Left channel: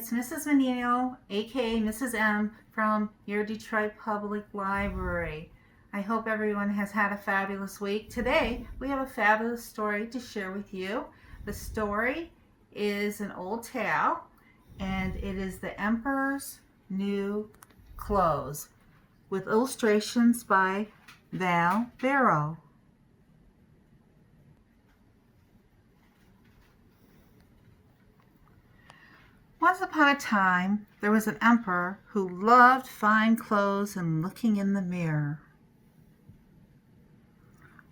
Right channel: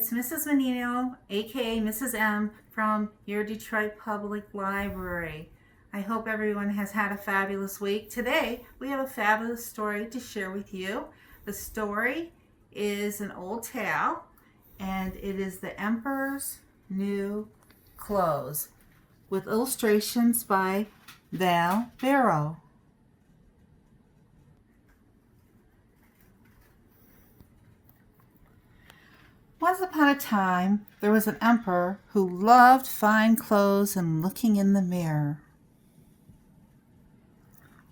It's Mrs. Menino, aka Mrs. M, from your Detroit Public Library. I hope everyone has had a fabulous week. Today, we have a fabulous story to share with you. The story is an old tale, and it is The Emperor's New Clothes, with illustrations by Val Barrow. Once upon a time, there was an emperor who loved fine clothes and looking in the mirror.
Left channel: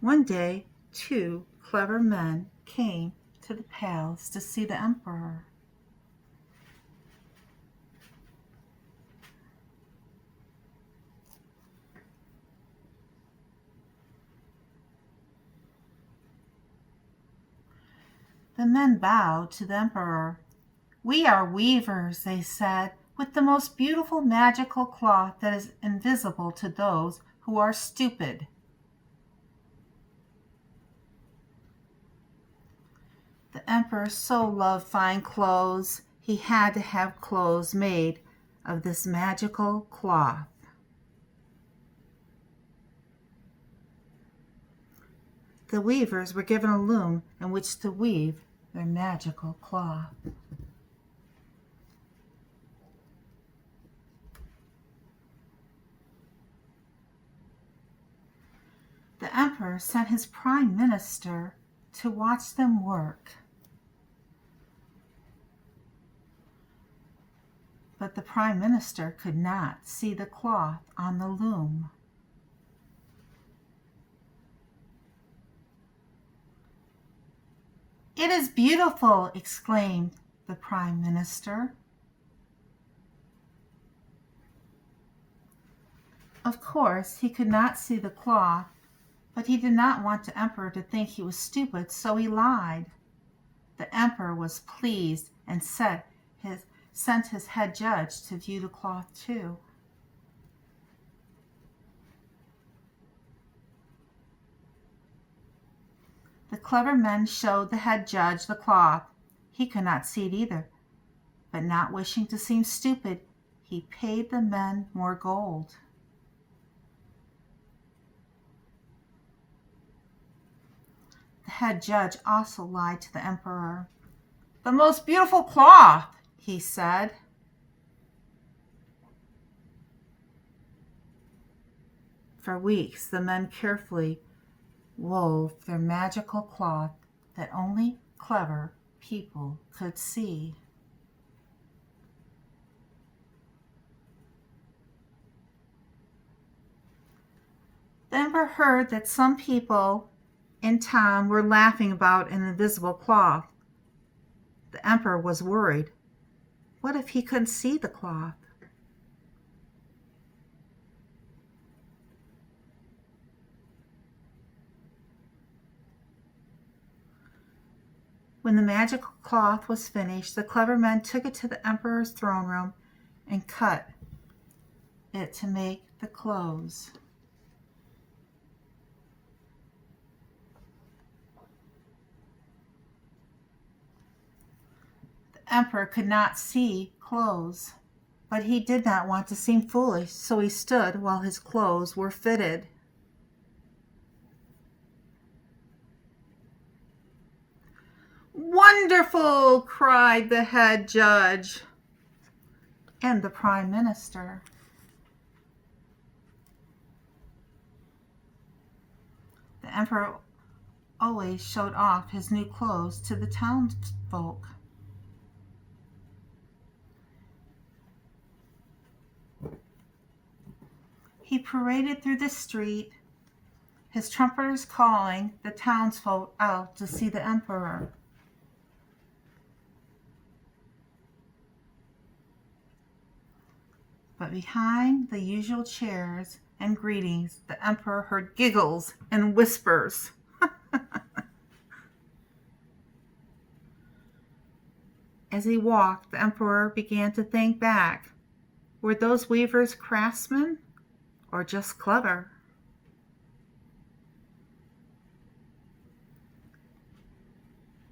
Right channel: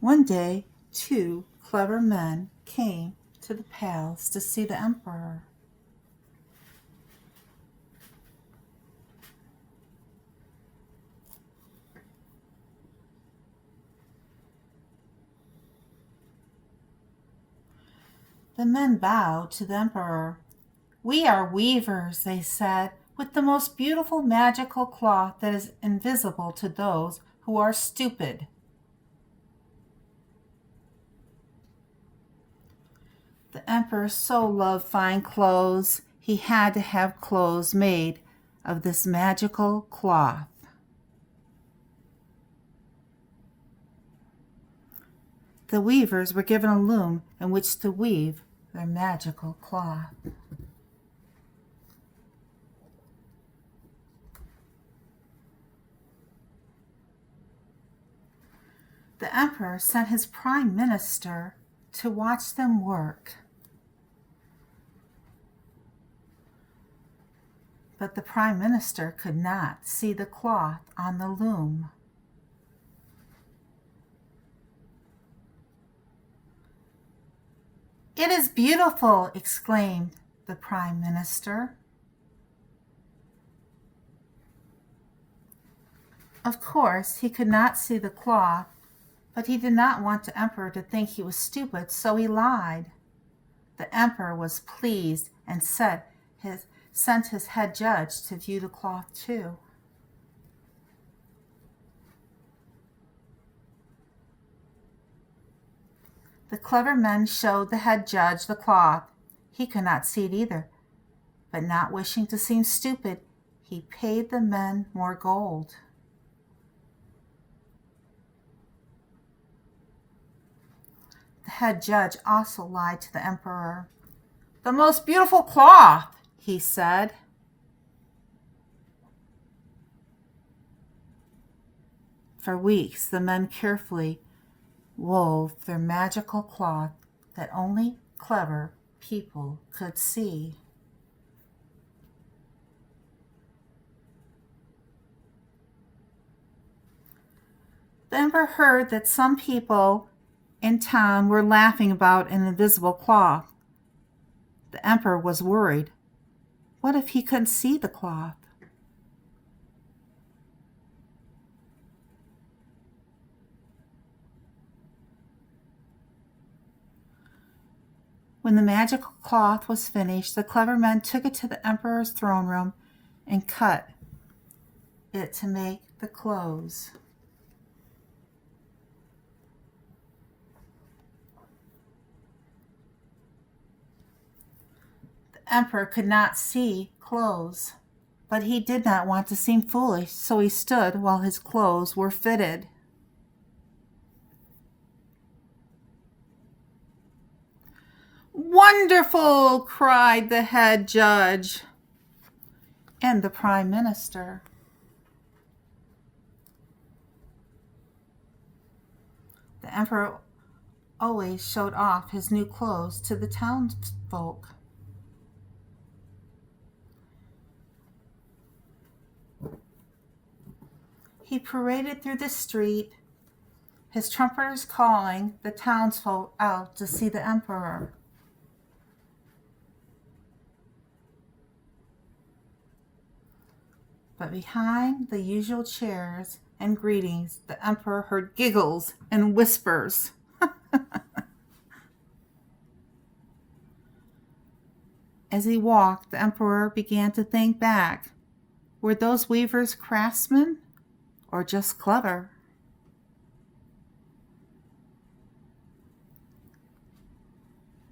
One day, two clever men came to the palace to see the emperor. The men bowed to the emperor. "We are weavers," they said, "with the most beautiful magical cloth that is invisible to those who are stupid." The emperor so loved fine clothes, he had to have clothes made of this magical cloth. The weavers were given a loom in which to weave their magical cloth. The emperor sent his prime minister to watch them work. But the prime minister could not see the cloth on the loom. "It is beautiful!" exclaimed the prime minister. Of course, he could not see the cloth, but he did not want the emperor to think he was stupid, so he lied. The emperor was pleased and sent his head judge to view the cloth too. The clever men showed the head judge the cloth. He could not see it either, but not wishing to seem stupid, he paid the men more gold. The head judge also lied to the emperor. "The most beautiful cloth," he said. For weeks, the men carefully wove their magical cloth that only clever people could see. The emperor heard that some people in town were laughing about an invisible cloth. The emperor was worried. What if he couldn't see the cloth? When the magical cloth was finished, the clever men took it to the emperor's throne room and cut it to make the clothes. The emperor could not see clothes, but he did not want to seem foolish, so he stood while his clothes were fitted. "Wonderful!" cried the head judge and the prime minister. The emperor always showed off his new clothes to the townsfolk. He paraded through the street, his trumpeters calling the townsfolk out to see the emperor. But behind the usual cheers and greetings, the emperor heard giggles and whispers. As he walked, the emperor began to think back. Were those weavers craftsmen or just clever?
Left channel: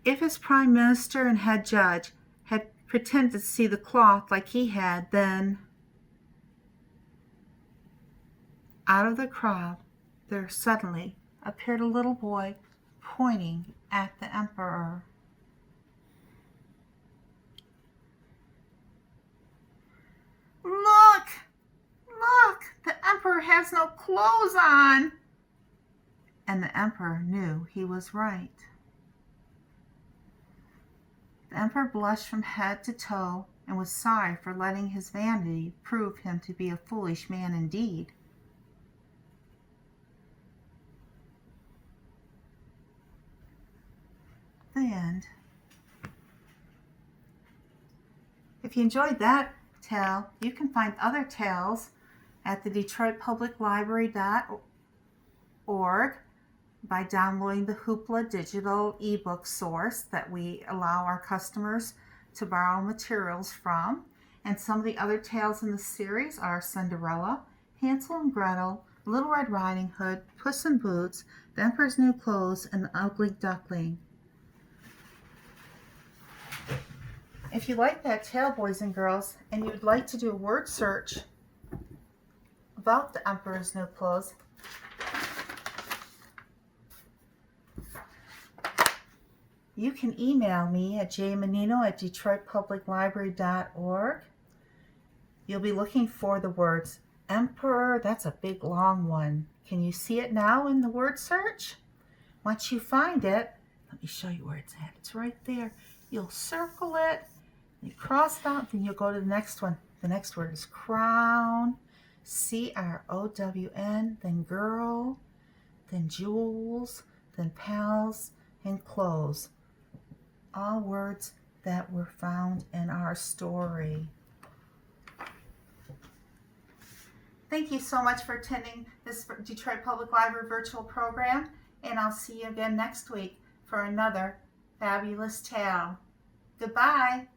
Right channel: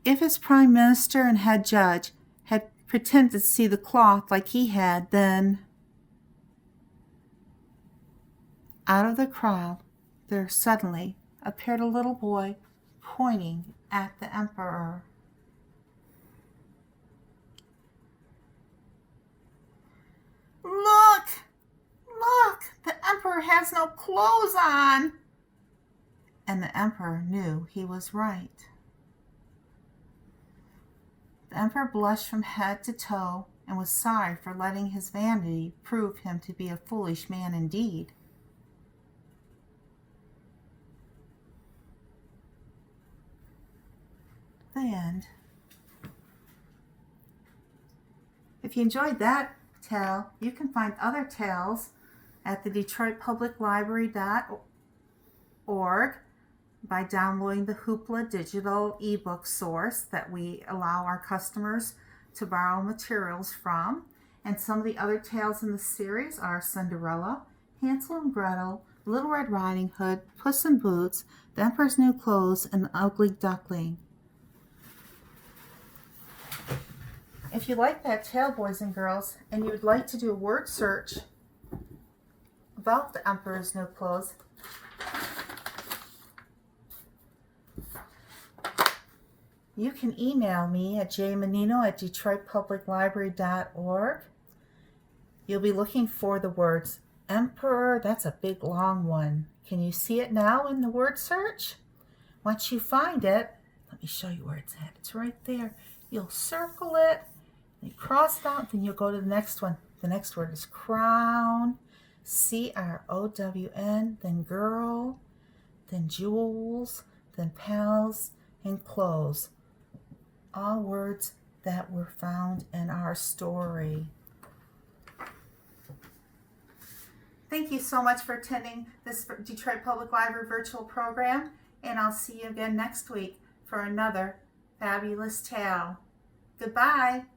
If his prime minister and head judge had pretended to see the cloth like he had. Then, out of the crowd, there suddenly appeared a little boy pointing at the emperor. Look! Look! The emperor has no clothes on! And the emperor knew he was right. The emperor blushed from head to toe and was sorry for letting his vanity prove him to be a foolish man indeed. The end. If you enjoyed that tale, you can find other tales at the DetroitPublicLibrary.org by downloading the Hoopla digital ebook source that we allow our customers to borrow materials from. And some of the other tales in the series are Cinderella, Hansel and Gretel, Little Red Riding Hood, Puss in Boots, The Emperor's New Clothes, and The Ugly Duckling. If you like that tale, boys and girls, and you would like to do a word search about The Emperor's New Clothes, you can email me at jmenino@detroitpubliclibrary.org. You'll be looking for the words emperor. That's a big long one. Can you see it now in the word search? Once you find it, let me show you where it's at. It's right there. You'll circle it, you cross it out, then you'll go to the next one. The next word is crown, CROWN, then girl, then jewels, then pals, and clothes. All words that were found in our story. Thank you so much for attending this Detroit Public Library virtual program, and I'll see you again next week for another fabulous tale. Goodbye.